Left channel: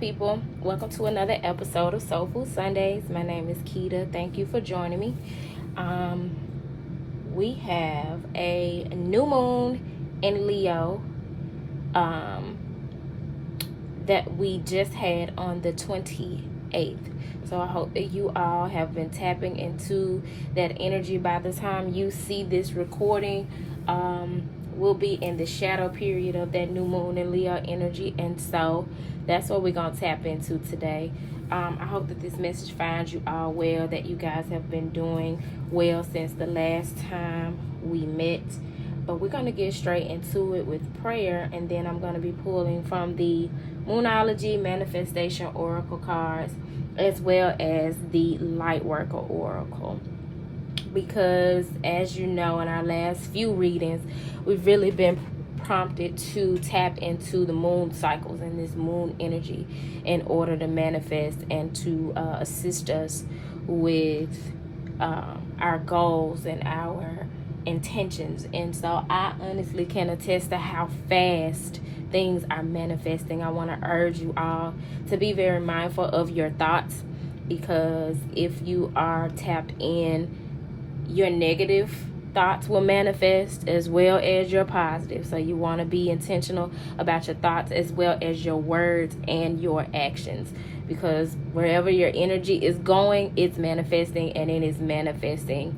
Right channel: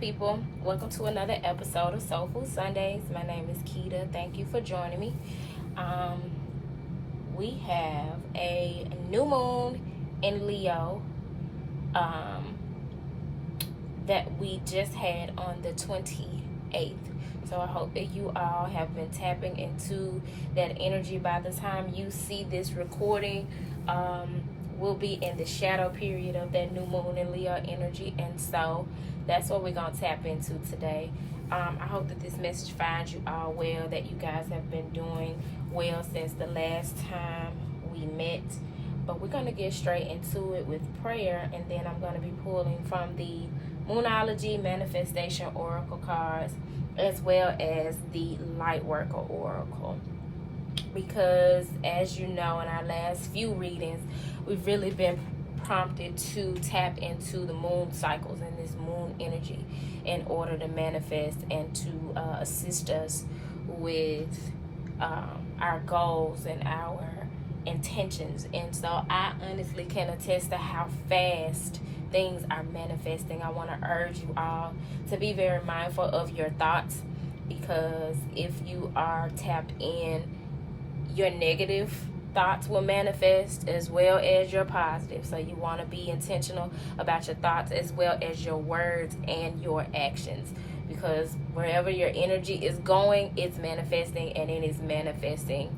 people? Welcome to another episode of Soul Food Sundays. My name is Keita. Thank you for joining me. We have a new moon in Leo that we just had on the 28th. So I hope that you all have been tapping into that energy. By the time you see this recording, we'll be in the shadow period of that new moon in Leo energy, and so that's what we're going to tap into today. I hope that this message finds you all well, that you guys have been doing well since the last time we met. But we're going to get straight into it with prayer, and then I'm going to be pulling from the Moonology Manifestation Oracle cards as well as the Lightworker Oracle. Because as you know, in our last few readings, we've really been prompted to tap into the moon cycles and this moon energy in order to manifest and to assist us with our goals and our intentions. And so I honestly can attest to how fast things are manifesting. I want to urge you all to be very mindful of your thoughts, because if you are tapped in, your negative thoughts will manifest as well as your positive. So you want to be intentional about your thoughts as well as your words and your actions, because wherever your energy is going, it's manifesting, and it is manifesting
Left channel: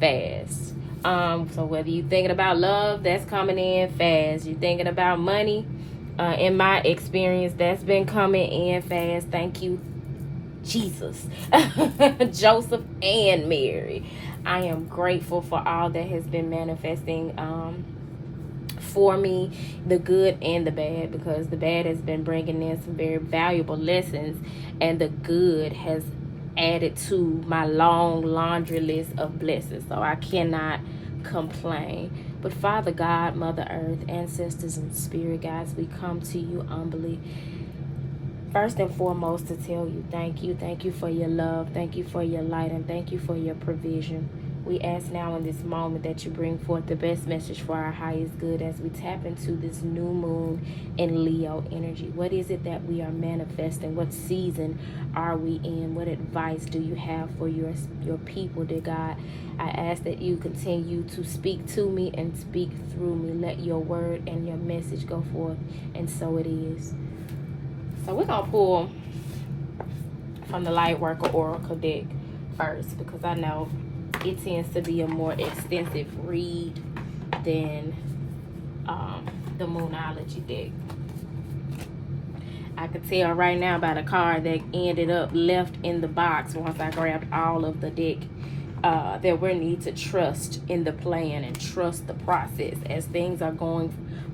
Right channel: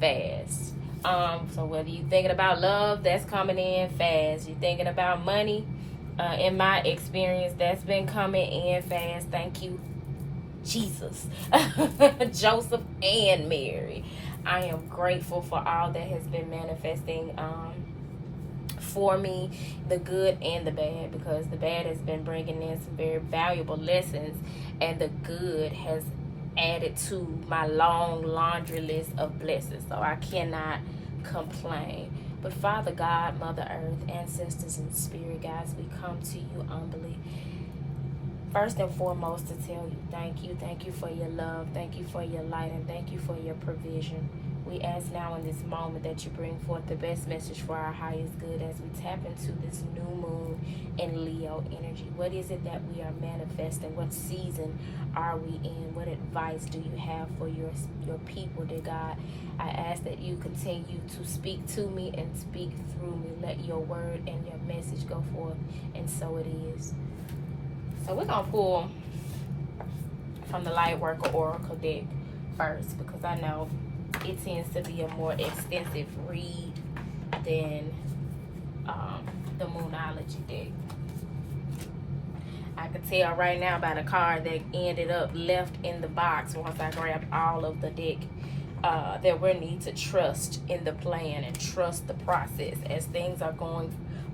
fast. So whether you're thinking about love, that's coming in fast. You're thinking about money, in my experience, that's been coming in fast. Thank you, Jesus, Joseph and Mary. I am grateful for all that has been manifesting for me, the good and the bad, because the bad has been bringing in some very valuable lessons, and the good has added to my long laundry list of blessings. So I cannot complain. But Father God, Mother Earth, ancestors and spirit guides, we come to you humbly. First and foremost, to tell you thank you. Thank you for your love. Thank you for your light. And thank you for your provision. We ask now in this moment that you bring forth the best message for our highest good as we tap into this new moon in Leo energy. What is it that we are manifesting? What season are we in? What advice do you have for your people, dear God? I ask that you continue to speak to me and speak through me. Let your word and your message go forth, and so it is. So we're going to pull from the Lightworker Oracle deck first, because I know it tends to be a more extensive read than the Moonology deck. I could tell right now by the card that ended up left in the box once I grabbed all of the deck that we need to trust in the plan and trust the process as things are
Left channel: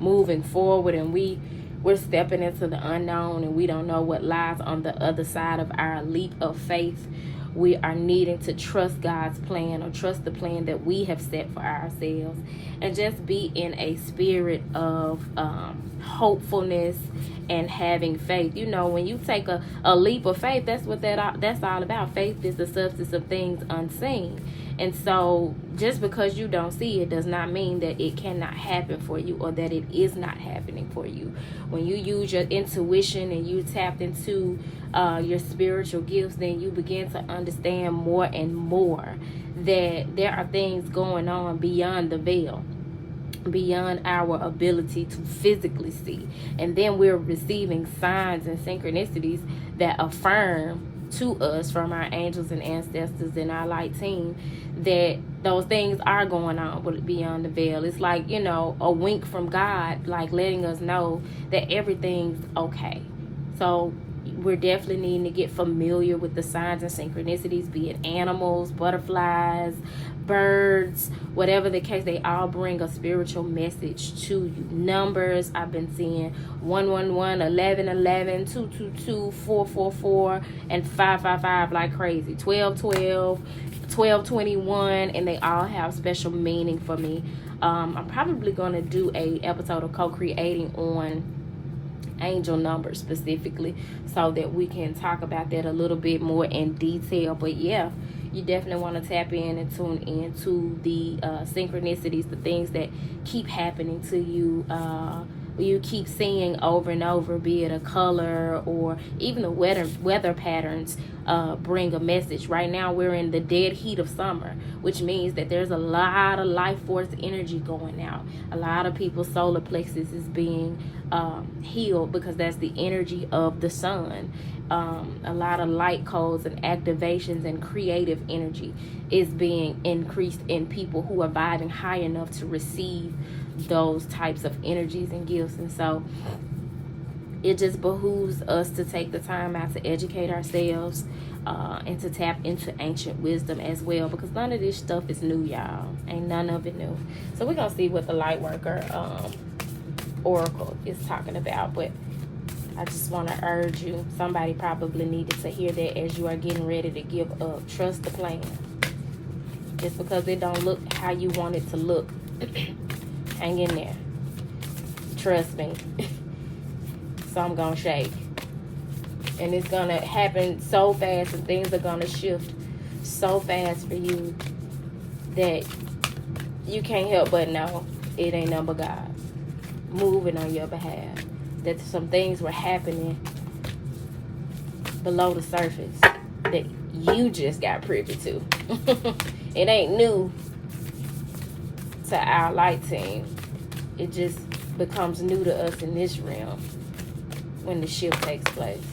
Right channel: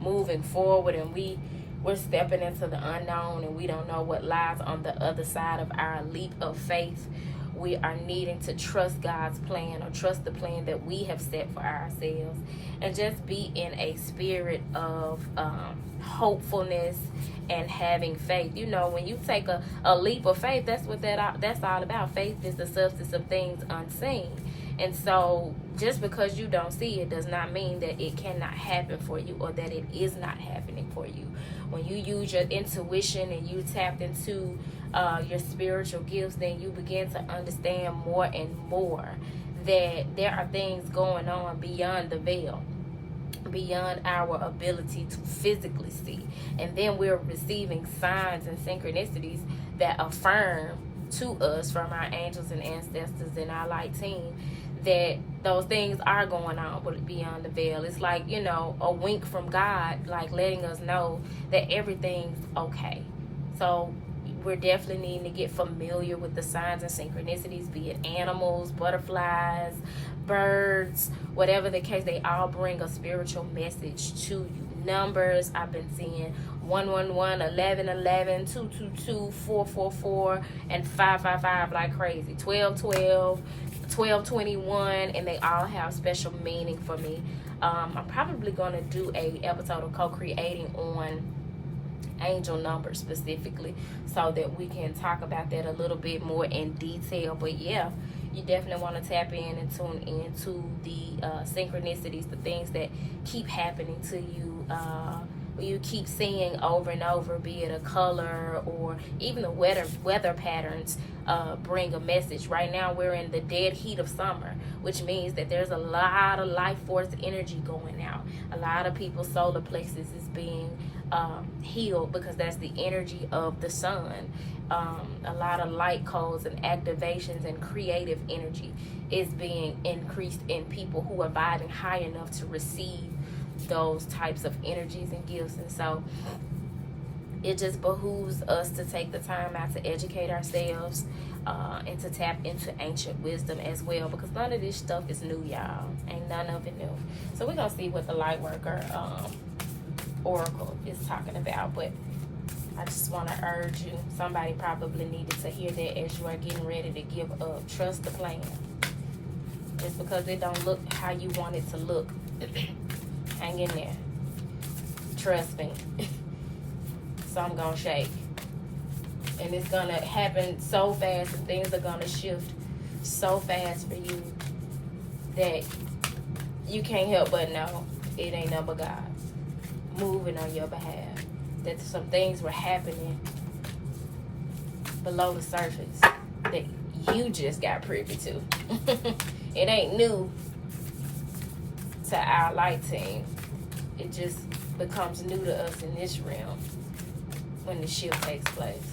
moving forward, and we're stepping into the unknown, and we don't know what lies on the other side of our leap of faith. We are needing to trust God's plan, or trust the plan that we have set for ourselves, and just be in a spirit of hopefulness and having faith. You know, when you take a leap of faith, that's what that's all about. Faith is the substance of things unseen. And so just because you don't see it does not mean that it cannot happen for you, or that it is not happening for you. When you use your intuition and you tap into your spiritual gifts, then you begin to understand more and more that there are things going on beyond the veil, beyond our ability to physically see. And then we're receiving signs and synchronicities that affirm to us from our angels and ancestors and our light team that those things are going on beyond the veil. It's like, you know, a wink from God, like letting us know that everything's okay. So we're definitely needing to get familiar with the signs and synchronicities, be it animals, butterflies, birds, whatever the case. They all bring a spiritual message to you. Numbers, I've been seeing 111, 1111, 222, 444, and 555 like crazy. 1212, 1221, and they all have special meaning for me. I'm probably going to do a episode of co-creating on angel numbers specifically, so that we can talk about that a little bit more in detail. But yeah, you definitely want to tap in and tune into the synchronicities, the things that keep happening to you you keep seeing over and over, be it a color or even the weather patterns bring a message. Right now we're in the dead heat of summer, which means that there's a lot of life force energy going out. A lot of people's solar plexus is being healed because that's the energy of the sun. A lot of light codes and activations and creative energy is being increased in people who are vibing high enough to receive those types of energies and gifts. And so it just behooves us to take the time out to educate ourselves and to tap into ancient wisdom as well, because none of this stuff is new, y'all. Ain't none of it new. So we're gonna see what the light worker oracle is talking about. But I just want to urge you, somebody probably needed to hear that as you are getting ready to give up. Trust the plan. Just because it don't look how you want it to look, hang in there. Trust me. Some gonna shake. And it's gonna happen so fast, and things are gonna shift so fast for you that you can't help but know it ain't nothing but God moving on your behalf. That some things were happening below the surface that you just got privy to. It ain't new to our light team. It just becomes new to us in this realm when the shift takes place.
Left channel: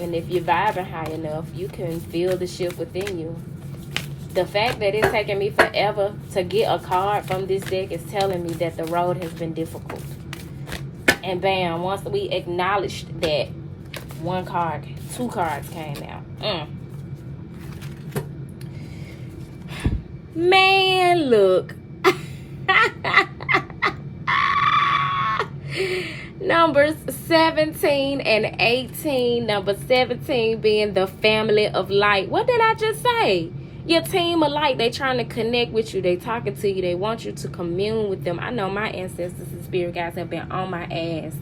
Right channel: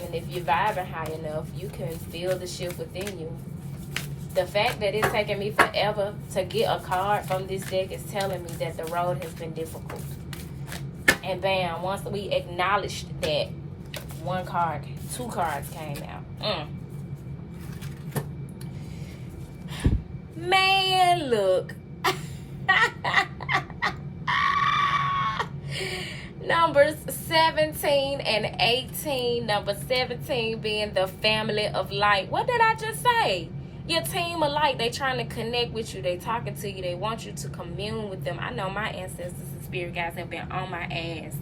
And if you're vibing high enough, you can feel the shift within you. The fact that it's taken me forever to get a card from this deck is telling me that the road has been difficult. And bam, once we acknowledged that, two cards came out. Man, look. Numbers 17 and 18. Number 17 being the family of light. What did I just say? Your team of light. They trying to connect with you. They talking to you. They want you to commune with them. I know my ancestors and spirit guides have been on my ass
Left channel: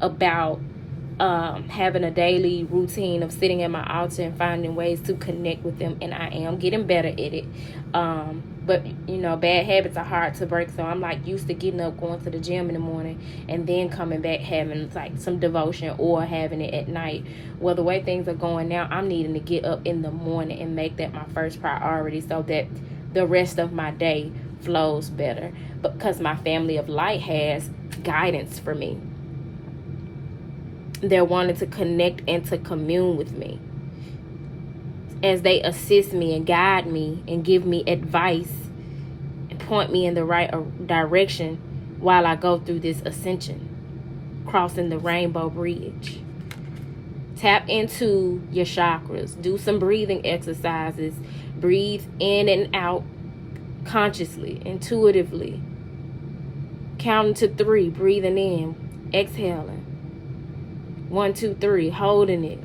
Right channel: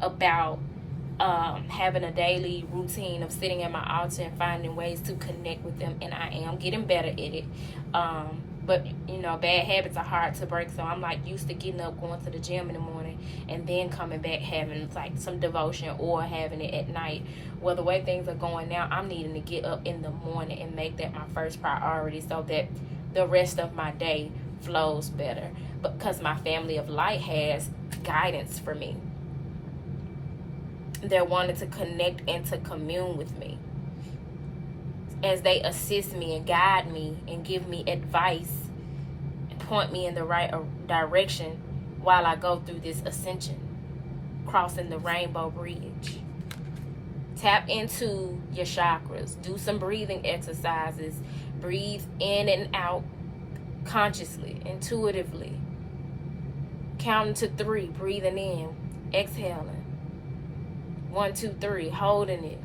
about having a daily routine of sitting at my altar and finding ways to connect with them, and I am getting better at it. But you know, bad habits are hard to break, so I'm like used to getting up, going to the gym in the morning, and then coming back having like some devotion or having it at night. Well, the way things are going now, I'm needing to get up in the morning and make that my first priority so that the rest of my day flows better, because my family of light has guidance for me. They're wanting to connect and to commune with me as they assist me and guide me and give me advice and point me in the right direction while I go through this ascension, crossing the rainbow bridge. Tap into your chakras. Do some breathing exercises. Breathe in and out consciously, intuitively. Counting to 3, breathing in, exhaling. 1, 2, 3, holding it.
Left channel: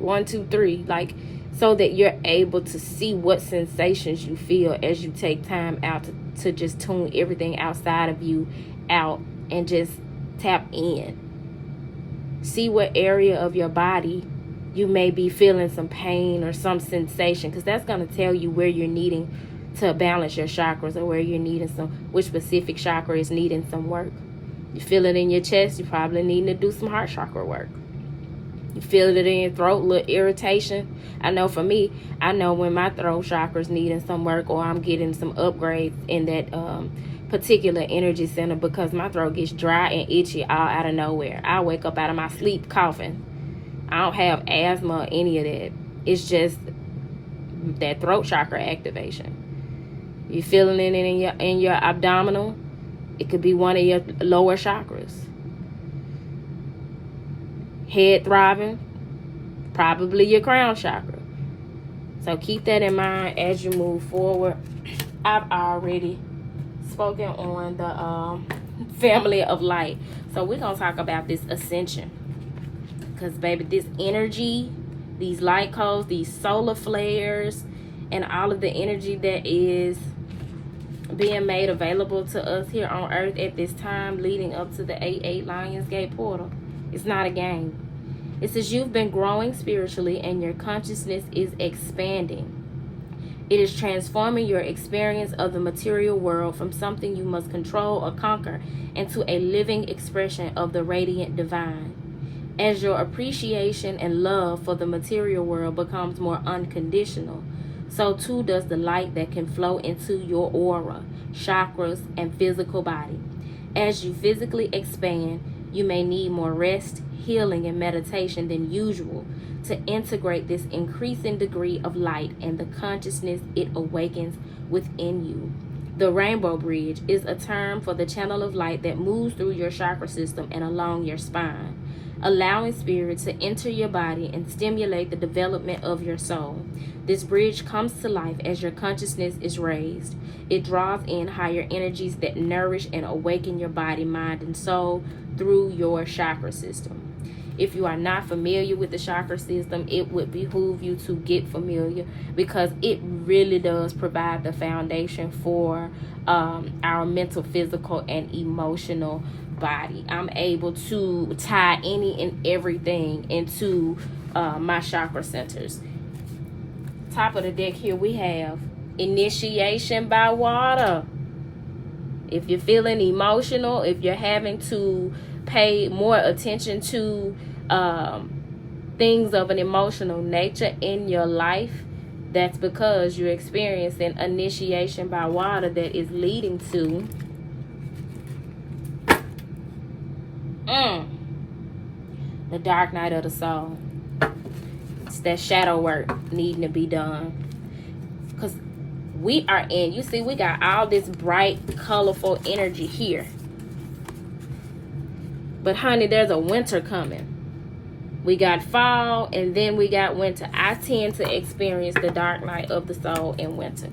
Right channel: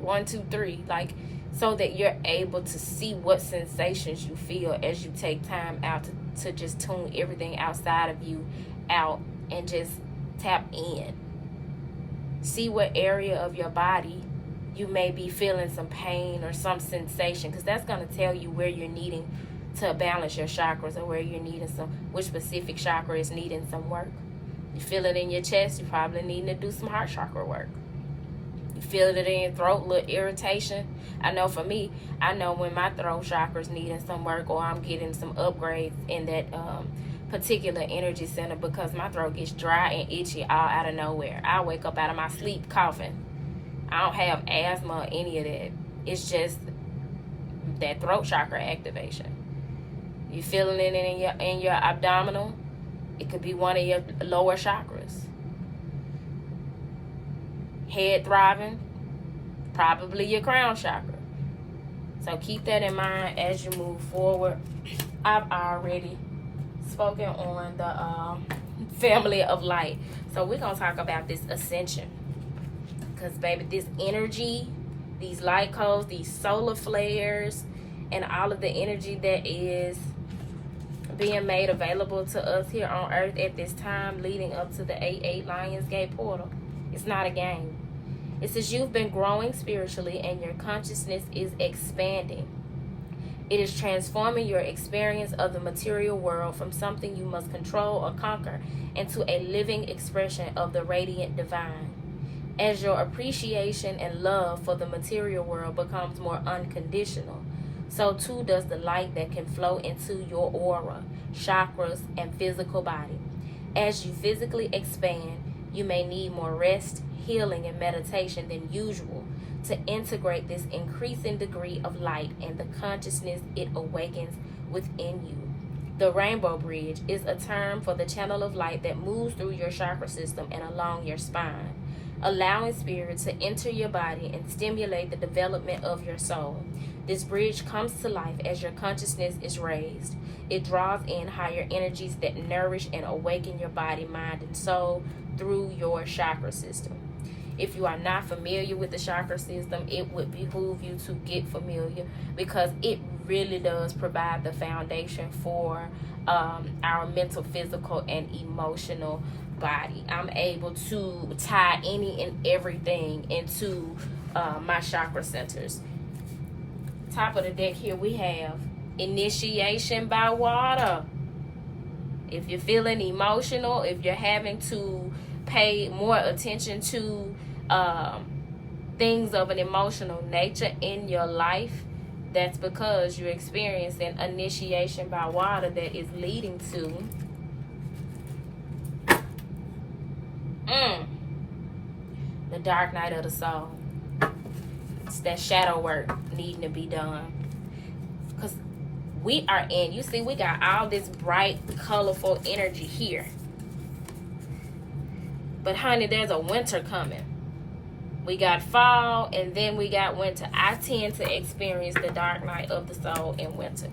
1, 2, 3, like, so that you're able to see what sensations you feel as you take time out to just tune everything outside of you out and just tap in. See what area of your body you may be feeling some pain or some sensation, because that's going to tell you where you're needing to balance your chakras, or where you're needing which specific chakra is needing some work. You feel it in your chest, you probably need to do some heart chakra work. You feel it in your throat, little irritation. I know for me, I know when my throat chakra is needing some work, or I'm getting some upgrades in that particular energy center, because my throat gets dry and itchy all out of nowhere. I wake up out of my sleep coughing. I don't have asthma or any of that. It's just that throat chakra activation. You feeling it in your abdominal? It could be one of your lower chakras. Head throbbing, probably your crown chakra. So keep that in mind as you move forward. I've already spoken on the family of light. So we're going to talk about this ascension. Because, baby, this energy, these light codes, these solar flares, and all of the energy that is being made available to us here on Earth at this time leading up to the 8-8 Lionsgate portal. It's not a game. It says you've been growing spiritually and your consciousness is expanding. It is transforming your experience of the material world from something you must control or conquer into a living expression of the radiant divine. As your appreciation and love for the material world becomes more unconditional, so too does the light that can flow into your aura, chakras, and physical body. As you physically expand, you may need more rest, healing, and meditation than usual to integrate this increasing degree of light and the consciousness it awakens within you. The rainbow bridge is a term for the channel of light that moves through your chakra system and along your spine, allowing spirit to enter your body and stimulate the development of your soul. This bridge comes to life as your consciousness is raised. It draws in higher energies that nourish and awaken your body, mind, and soul through your chakra system. If you are not familiar with the chakra system, it would behoove you to get familiar, because it really does provide the foundation for our mental, physical, and emotional body. I'm able to tie any and everything into my chakra centers. Top of the deck here we have initiation by water. If you're feeling emotional, if you're having to pay more attention to things of an emotional nature in your life, that's because you're experiencing initiation by water that is leading to the dark night of the soul. It's that shadow work needing to be done. Because we are in, you see, we got all this bright, colorful energy here. But honey, there's a winter coming. We got fall, and then we got winter. I tend to experience the dark night of the soul in winter,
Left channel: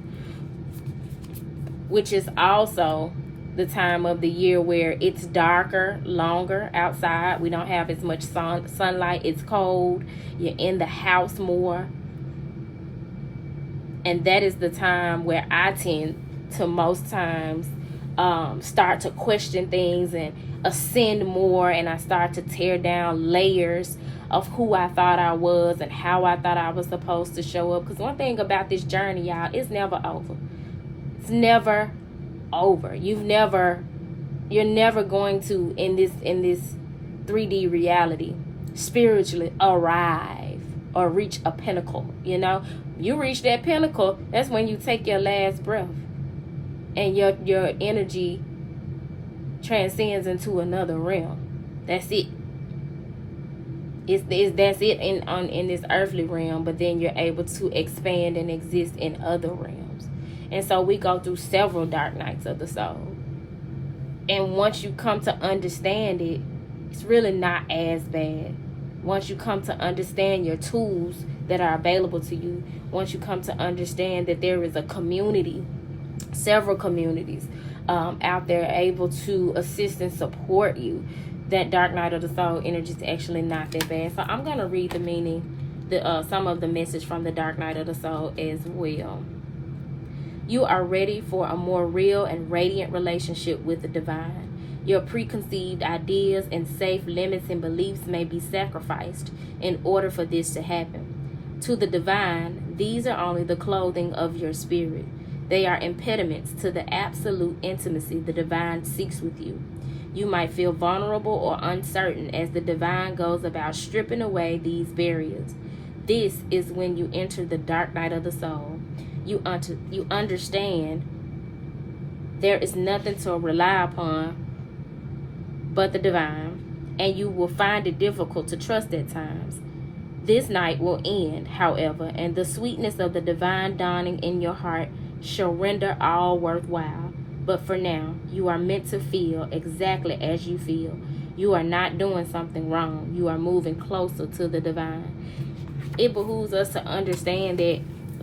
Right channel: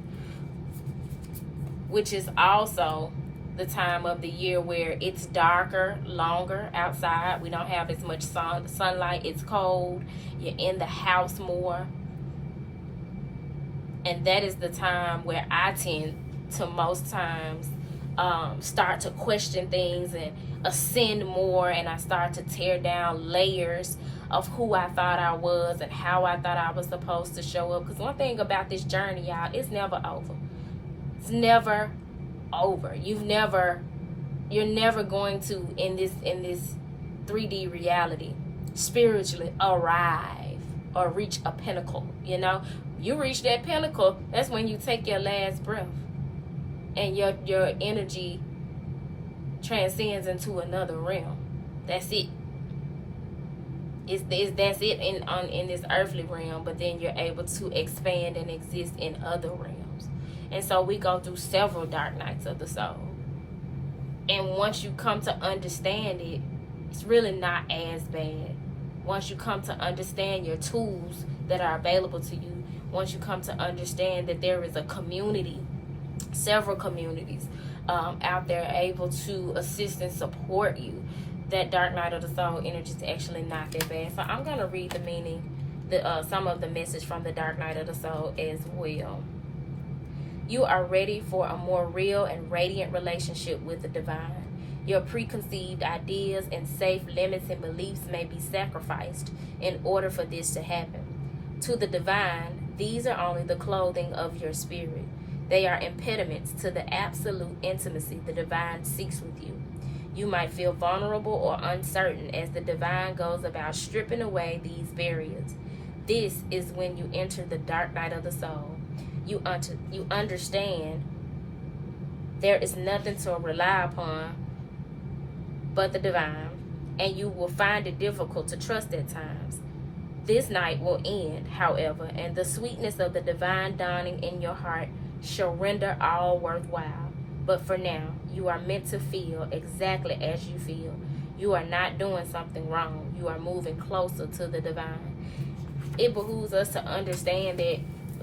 which is also the time of the year where it's darker, longer outside. We don't have as much sunlight. It's cold. You're in the house more. And that is the time where I tend to most times start to question things and ascend more, and I start to tear down layers of who I thought I was and how I thought I was supposed to show up. Because one thing about this journey, y'all, it's never over. It's never over. You're never going to, in this 3D reality, spiritually arrive or reach a pinnacle. You know, you reach that pinnacle, that's when you take your last breath and your energy transcends into another realm. That's it. That's it in this earthly realm, but then you're able to expand and exist in other realms. And so we go through several dark nights of the soul. And once you come to understand it, it's really not as bad. Once you come to understand your tools that are available to you, once you come to understand that there is a community, several communities out there able to assist and support you, that dark night of the soul energy is actually not that bad. So I'm going to read the meaning, some of the message from the dark night of the soul as well. You are ready for a more real and radiant relationship with the divine. Your preconceived ideas and safe limits and beliefs may be sacrificed in order for this to happen. To the divine, these are only the clothing of your spirit. They are impediments to the absolute intimacy the divine seeks with you. You might feel vulnerable or uncertain as the divine goes about stripping away these barriers. This is when you enter the dark night of the soul. You understand there is nothing to rely upon but the divine, and you will find it difficult to trust at times. This night will end, however, and the sweetness of the divine dawning in your heart shall render all worthwhile. But for now, you are meant to feel exactly as you feel. You are not doing something wrong. You are moving closer to the divine. It behooves us to understand that,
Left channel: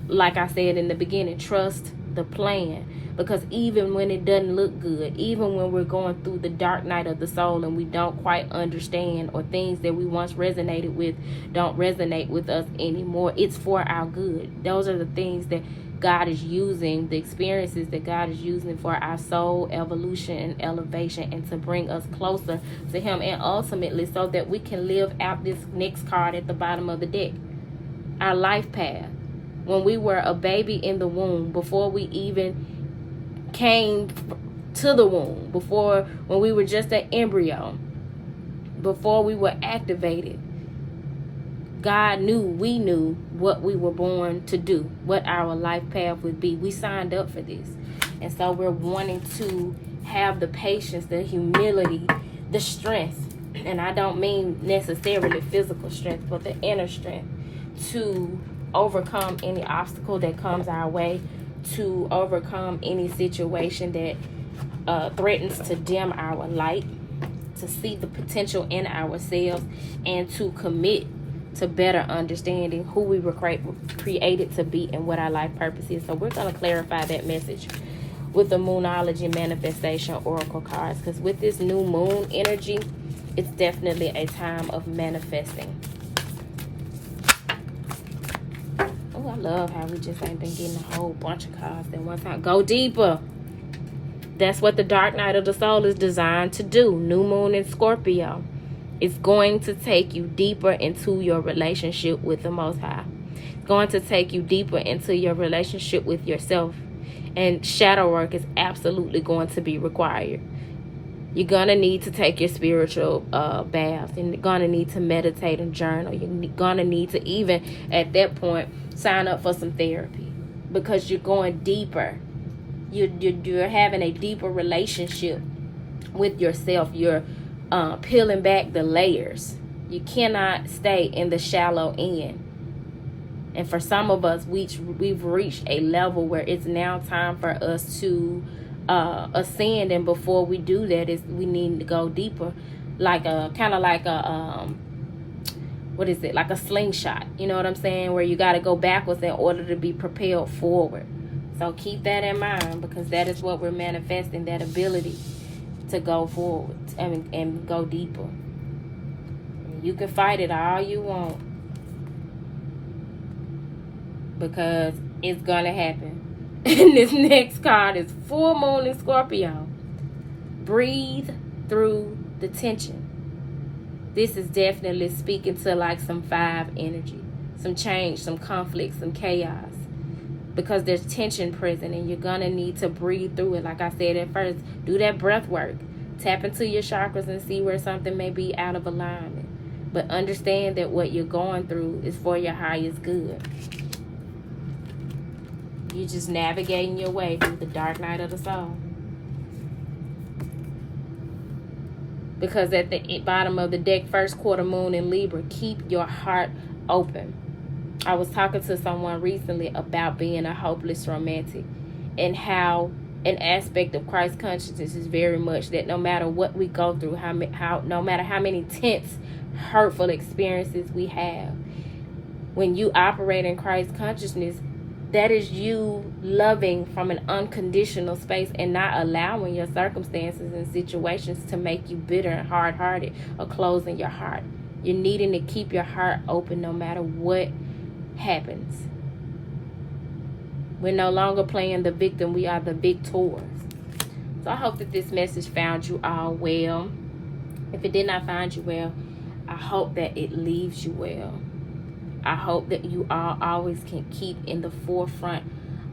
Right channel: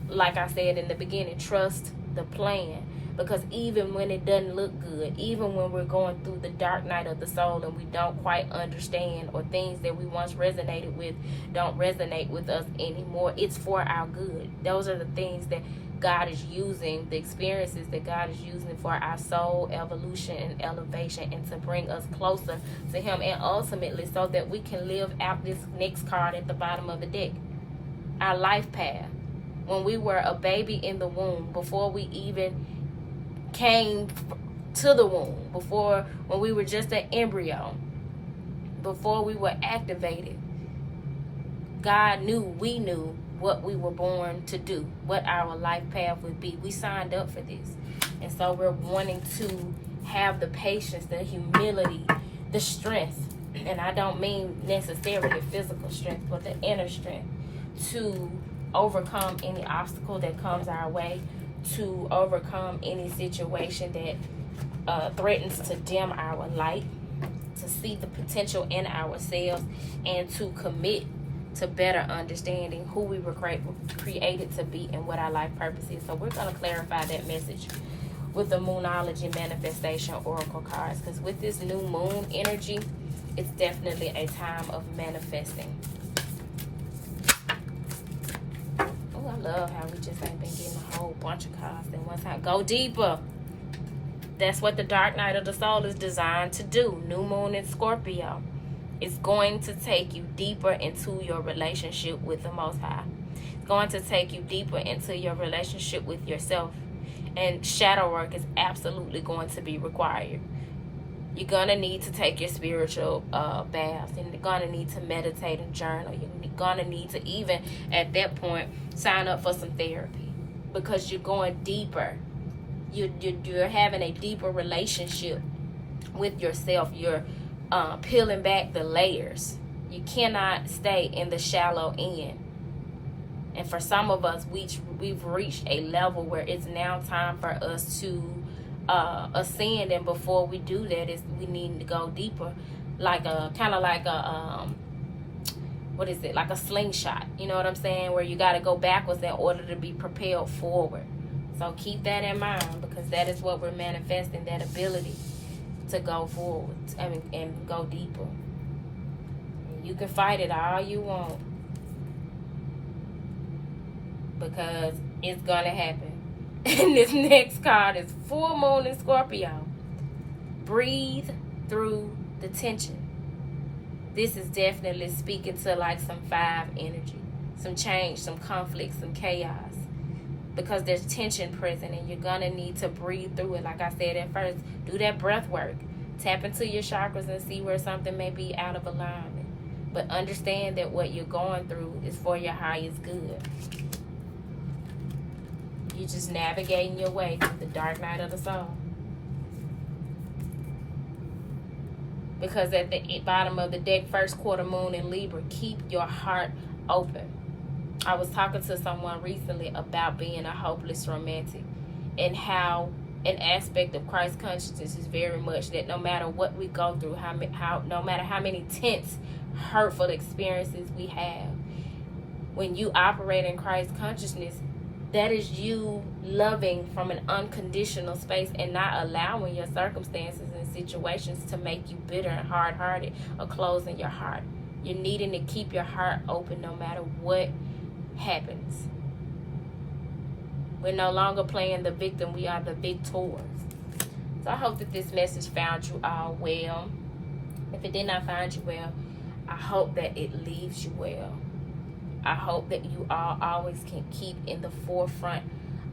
like I said in the beginning, trust the plan. Because even when it doesn't look good, even when we're going through the dark night of the soul and we don't quite understand, or things that we once resonated with don't resonate with us anymore, it's for our good. Those are the things that God is using, the experiences that God is using for our soul evolution and elevation, and to bring us closer to Him, and ultimately so that we can live out this next card at the bottom of the deck, our life path. when we were a baby in the womb, before we even came to the womb, before when we were just an embryo, before we were activated. God knew, we knew what we were born to do, what our life path would be. We signed up for this. And so we're wanting to have the patience, the humility, the strength. And I don't mean necessarily physical strength, but the inner strength to overcome any obstacle that comes our way, to overcome any situation that threatens to dim our light, to see the potential in ourselves, and to commit to better understanding who we were created to be and what our life purpose is. So we're going to clarify that message with the Moonology Manifestation Oracle cards, because with this new moon energy, it's definitely a time of manifesting. Oh, I love how we just ain't been getting a whole bunch of cards at one time. Go deeper. That's what the dark night of the soul is designed to do. New moon in Scorpio. It's going to take you deeper into your relationship with the Most High. It's going to take you deeper into your relationship with yourself. And shadow work is absolutely going to be required. You're going to need to take your spiritual baths. And you're going to need to meditate and journal. You're going to need to even, at that point, sign up for some therapy. Because you're going deeper. You're having a deeper relationship with yourself. You're peeling back the layers. You cannot stay in the shallow end. And for some of us, we've reached a level where it's now time for us to ascend. And before we do that, we need to go deeper, like a like a slingshot. You know what I'm saying? Where you got to go backwards in order to be propelled forward. So keep that in mind, because that is what we're manifesting, that ability to go forward and go deeper. You can fight it all you want, because it's gonna happen. And this next card is full moon in Scorpio. Breathe through the tension. This is definitely speaking to like some 5 energy, some change, some conflict, some chaos, because there's tension present, and you're gonna need to breathe through it. Like I said at first, do that breath work. Tap into your chakras and see where something may be out of alignment. But understand that what you're going through is for your highest good. You're just navigating your way through the dark night of the soul. Because at the bottom of the deck, first quarter moon in Libra, keep your heart open. I was talking to someone recently about being a hopeless romantic, and how an aspect of Christ consciousness is very much that no matter what we go through, no matter how many tense, hurtful experiences we have, when you operate in Christ consciousness, that is you loving from an unconditional space and not allowing your circumstances and situations to make you bitter and hard-hearted or closing your heart. You're needing to keep your heart open no matter what happens. We're no longer playing the victim. We are the victors. So I hope that this message found you all well. If it did not find you well, I hope that it leaves you well. I hope that you all always can keep in the forefront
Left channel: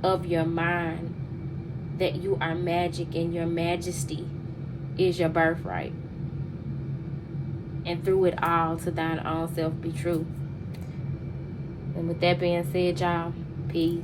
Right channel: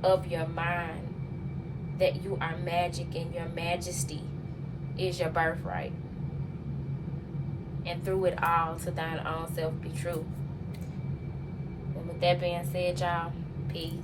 of your mind that you are magic, and your majesty is your birthright. And through it all, to thine own self be true. And with that being said, y'all, peace.